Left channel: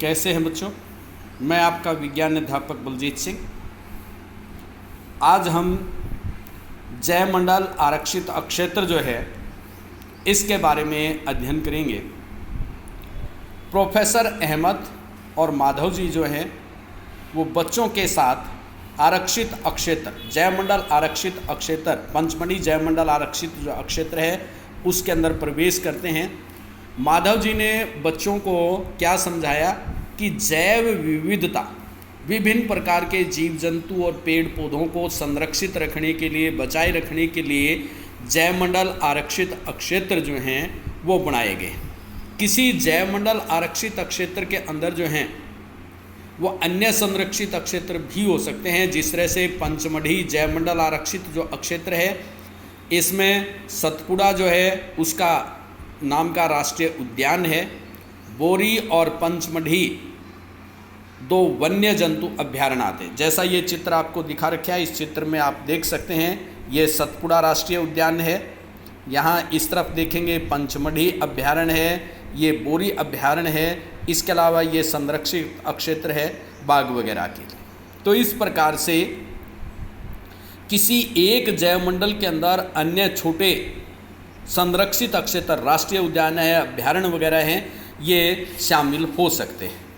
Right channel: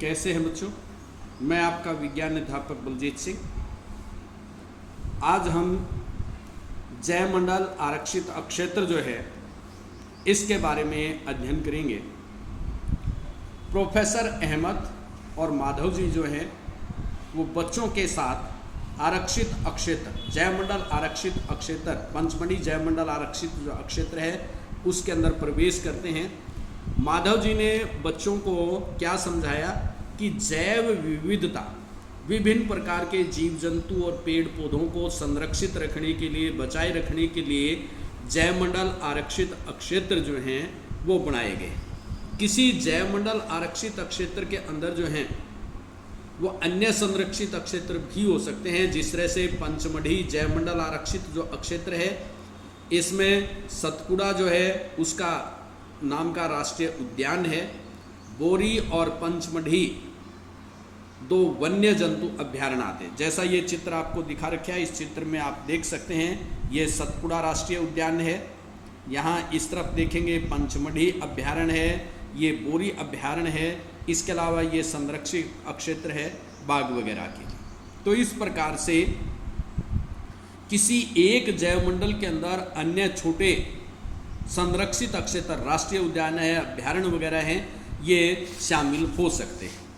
कैसे हैं बच्चों? मैं आपका विज्ञान अध्यापक बलजीत सिंह। आज हम जयमंडल आरक्षित अक्षेत्र जो है इसके बारे में अध्ययन करेंगे। प्रोफेसर अहमद और माधव जी जो हैं वो बच्चों के साथ आरक्षित अक्षेत्र, जयमंडल आरक्षित अक्षेत्र, पंचमढ़ी जयमंडल आरक्षित जो अक्षेत्र है उसके अंदर प्रवेश करते हैं। माधव जी ने बच्चों को क्या समझाया कि जैव विविधता, विभिन्न प्रकार के जीव जंतु और पेड़ पौधों को संरक्षित रखने के लिए, बचाए रखने के लिए जयमंडल आरक्षित अक्षेत्र जो हैं वो बनाए गए। किसी जयमंडल आरक्षित अक्षेत्र के अंदर जो हैं वो अन्य संरक्षित अक्षेत्र भी हो सकते हैं। जिस तरह से पंचमढ़ी जयमंडल आरक्षित जो अक्षेत्र है इसमें सतपुड़ा जो है उसका नाम का राष्ट्रीय उद्यान है। बोरी और पंचमढ़ी दो वन्य जंतु अभ्यारण्य आते हैं। जैसा ये चित्र आपको दिखा रखा है, इस चित्र में आप देख सकते हैं ये सतपुड़ा राष्ट्रीय उद्यान है। यहाँ इस तरफ देखेंगे पंचमढ़ी अभ्यारण्य है, ये बोरी अभ्यारण्य है। इसके अलावा ये संरक्षित अक्षेत्र है बाघ वगैरह के लिए। तो इस प्रकार से किसी एक जैवमंडल के अंदर अन्य छोटे संरक्षित अक्षेत्र, राष्ट्रीय उद्यान है, अभ्यारण्य वगैरह हैं, ये शामिल हो सकते हैं।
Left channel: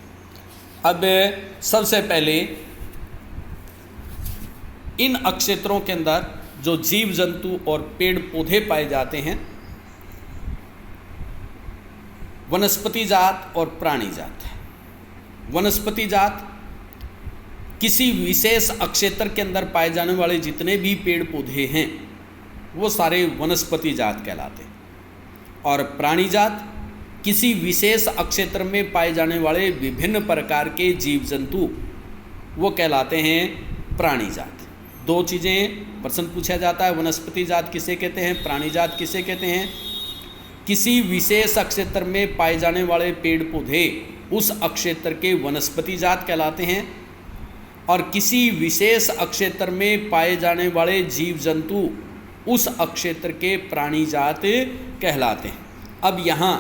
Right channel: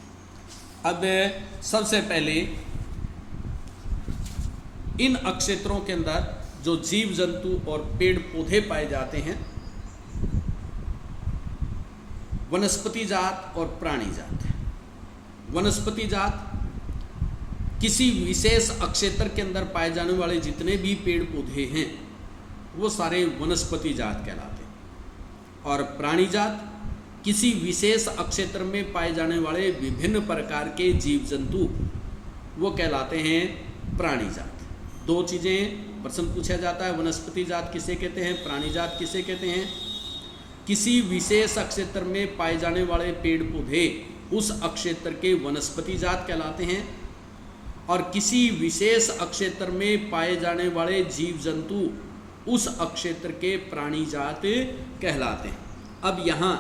अब सबसे पहले इन अक्षेत्रों के अंदर जो जीव जंतु और पेड़ पौधे पाए जाते हैं, वनस्पति जात और प्राणी जात। वनस्पति जात किसी विशेष अक्षेत्र के अंदर पाए जाने वाले जितने भी पेड़ पौधे हैं वो सारे वनस्पति जात कहलाते हैं। और प्राणी जात किसी विशेष अक्षेत्र में पाए जाने वाले विभिन्न प्रकार के जीव जंतु वो कहलाते हैं प्राणी जात। दो चीज़ें प्रश्न पूछा जाता है, वनस्पति जात किसे कहते हैं, प्राणी जात किसे कहते हैं। किसी विशेष अक्षेत्र में पाए जाने वाले पेड़ पौधे उस अक्षेत्र के वनस्पति जात कहलाते हैं और किसी विशेष अक्षेत्र में पाए जाने वाले जीव जंतु उस अक्षेत्र के प्राणी जात कहलाते हैं। अब यहाँ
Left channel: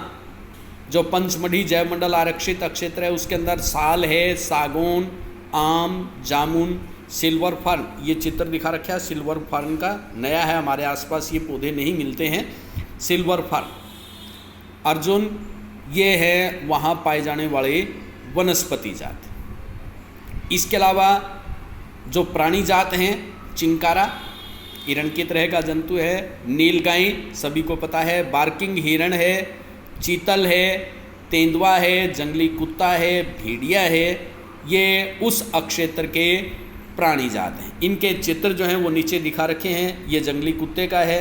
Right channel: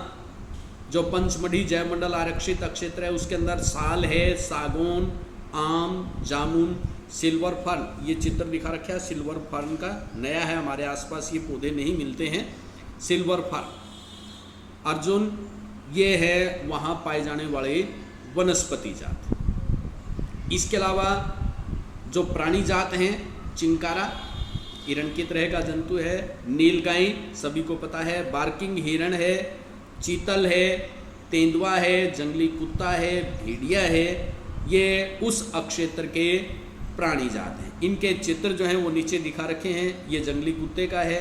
जो पंचमढ़ी जयमंडल आरक्षित अक्षेत्र है उसके अंदर साल है, सागौन, आम, जामुन, सिल्वर फर्न, ये चित्र दिखा रखा है सिल्वर फर्न का, नया है, हमारे आसपास ये पौधे नहीं मिलते हैं। सिल्वर फर्न, अर्जुन, ये है वहाँ पाए जाने वाले वनस्पति जात। इसके अलावा जो प्राणी जात हैं, चिंकारा हिरण की तरह का जंतु है, नीलगाय सभी को पता है, बार्किंग हिरण है, चीतल है, तेंदुआ है, जंगली कुत्ता है, भेड़िया है, ये उस अक्षेत्र के प्राणी जात हैं। इनके चित्र जो हैं वो नीचे दिखा रखे हैं। ये जंगली कुत्ते का है,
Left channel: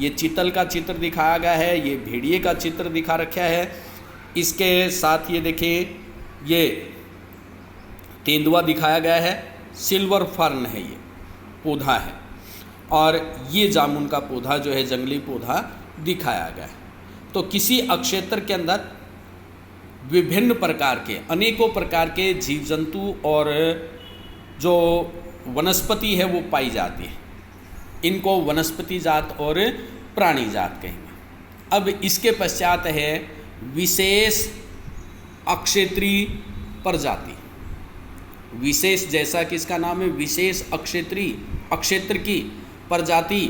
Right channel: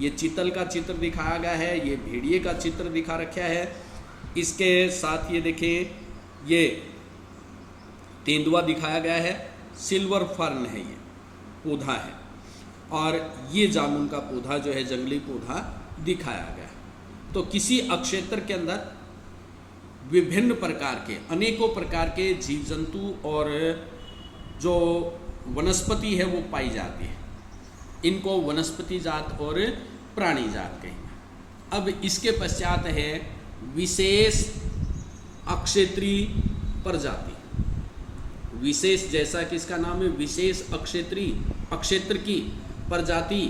ये चीतल का चित्र दिखाया गया है, ये भेड़िए का चित्र दिखा रखा है। इसके साथ ये देखिए ये तेंदुआ दिखाया गया है, सिल्वर फर्न है, ये पौधा है, और ये जामुन का पौधा जो है जंगली पौधा दिखाया गया है। तो किसी अक्षेत्र के अंदर विभिन्न प्रकार के, अनेकों प्रकार के जीव जंतु और जो वनस्पति है वो पाई जाती है। इनको वनस्पति जात और प्राणी जात कहेंगे। अब इसके पश्चात है विशेष अक्षेत्रीय प्रजाति। विशेष, जैसा कि इसका नाम है, विशेष अक्षेत्रीय, अक्षेत्र की प्रजाति,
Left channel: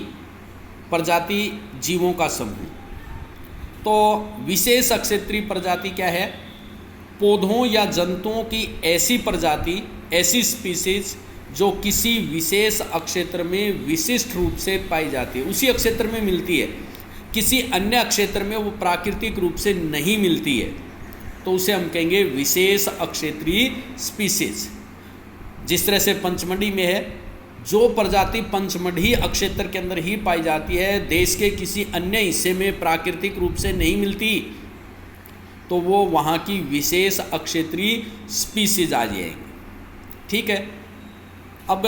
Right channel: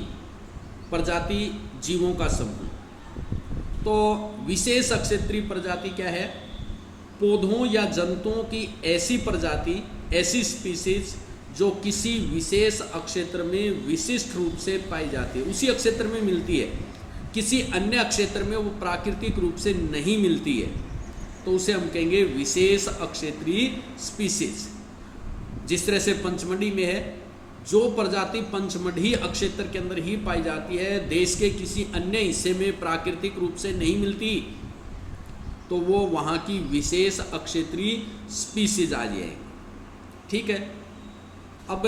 प्रजाति जीवों का समूह। तो विशेष अक्षेत्रीय प्रजाति क्या है? पौधों या जंतुओं की ऐसी प्रजाति, ऐसी स्पीसीज जो किसी विशेष अक्षेत्र में विशिष्ट रूप से पाई जाती है, उसी अक्षेत्र में मिलती है, किसी अन्य अक्षेत्र में वो प्राकृतिक रूप से नहीं मिलती है, तो उसे हम कहेंगे विशेष अक्षेत्रीय स्पीसीज। जिस तरह से पंचमढ़ी में है, जो प्रजाति पंचमढ़ी अक्षेत्र के अंदर ही पाई जाती है, देश के किसी अन्य हिस्से में प्राकृतिक रूप से नहीं मिलती, तो वो वहाँ की विशेष अक्षेत्रीय स्पीसीज आ जाएगी। ठीक है। अब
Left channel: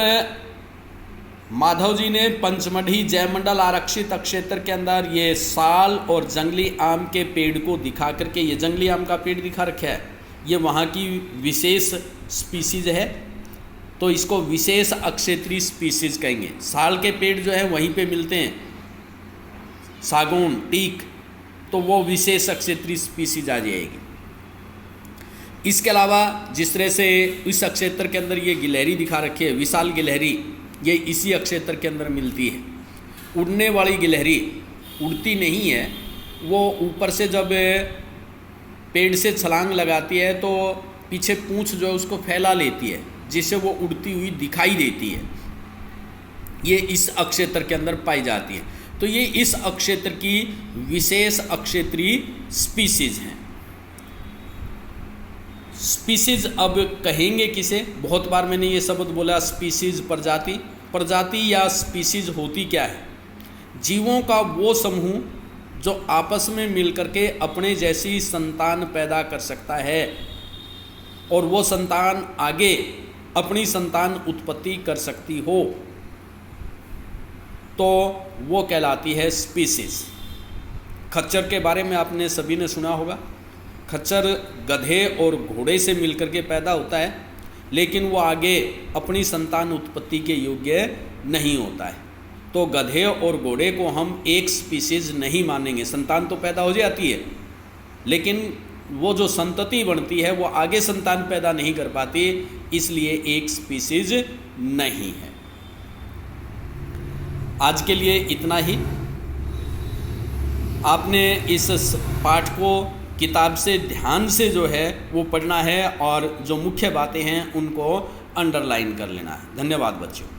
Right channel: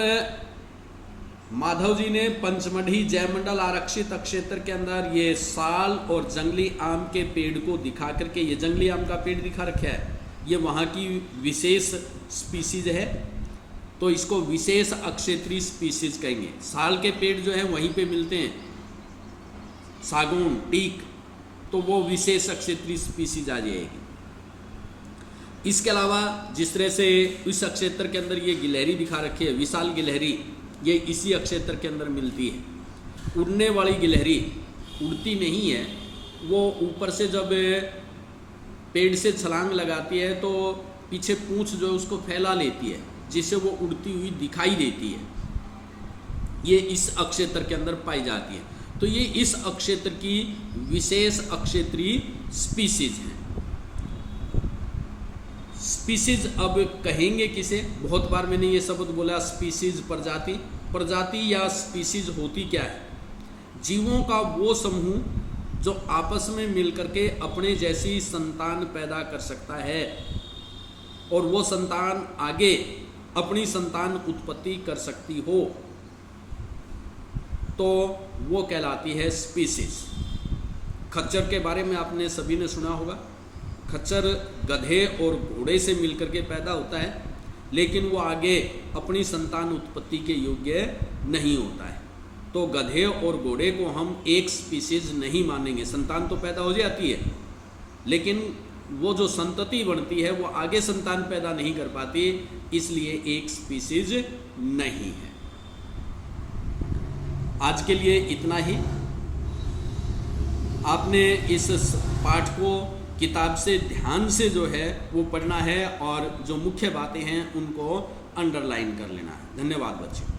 माधव जी ने पंचमढ़ी जयमंडल आरक्षित अक्षेत्र के अंदर ये साल और जंगली आम के पेड़ को दिखा करके, ये जंगली आम का पेड़ दिखा रखा है, ये वहाँ की विशेष स्पीसीज है, तो इसको विशेष अक्षेत्रीय स्पीसीज कहेंगे। साल के पेड़ जो है वहीं पे मिलते हैं, सागौन, टीक, तो वो विशेष अक्षेत्रीय स्पीसीज आ जाएगी। इसके अलावा जिस तरह से इस अक्षेत्र के अंदर ये गिलहरी दिखा रखी है, विशाल गिलहरी, ये इसी अक्षेत्र के अंदर मिलती है। उड़ने वाली गिलहरी उड़ती नहीं है, वो ऊपर से जब पेड़ से छलांग लगाती है तो पीछे पूंछ जो है उसको फैला लेती है, जिससे वो उड़ती हुई दिखाई देती है। ये इस अक्षेत्र के अंदर पाई जाती है। तो ये इस अक्षेत्र की विशेष अक्षेत्रीय स्पीसीज हैं। स्पीसीज अब कहेंगे किसे? बहुत बार मैंने ये शब्द बोला, स्पीसीज प्रजाति। प्रजाति या स्पीसीज होती क्या है? जीवों का वो समूह जो आपस में मिलकर के अपने जैसी संतान पैदा कर सकता है और वो संतान आगे अपनी संतान उत्पत्ति कर सकती हो, तो वो कहलाती है स्पीसीज। खच्चर के बारे में आपने सभी ने सुना होगा। खच्चर गधे और घोड़े से मिलकर के पैदा होता है, लेकिन वो आगे अपनी संतान उत्पत्ति के योग्य नहीं होता है। तो गधे और घोड़े को हम एक स्पीसीज नहीं मानेंगे। संतान तो पैदा हो जाती है, लेकिन वो जो संतति बनती है वो आगे संतान पैदा नहीं कर पाती, इसलिए एक स्पीसीज नहीं है। आज के लिए इतना ही। आपने इस पाठ को किताब से ध्यान से जो है वो पढ़ना है और जो मुख्य बातें हैं उनको अंडरलाइन कर लेना है। धन्यवाद बच्चों।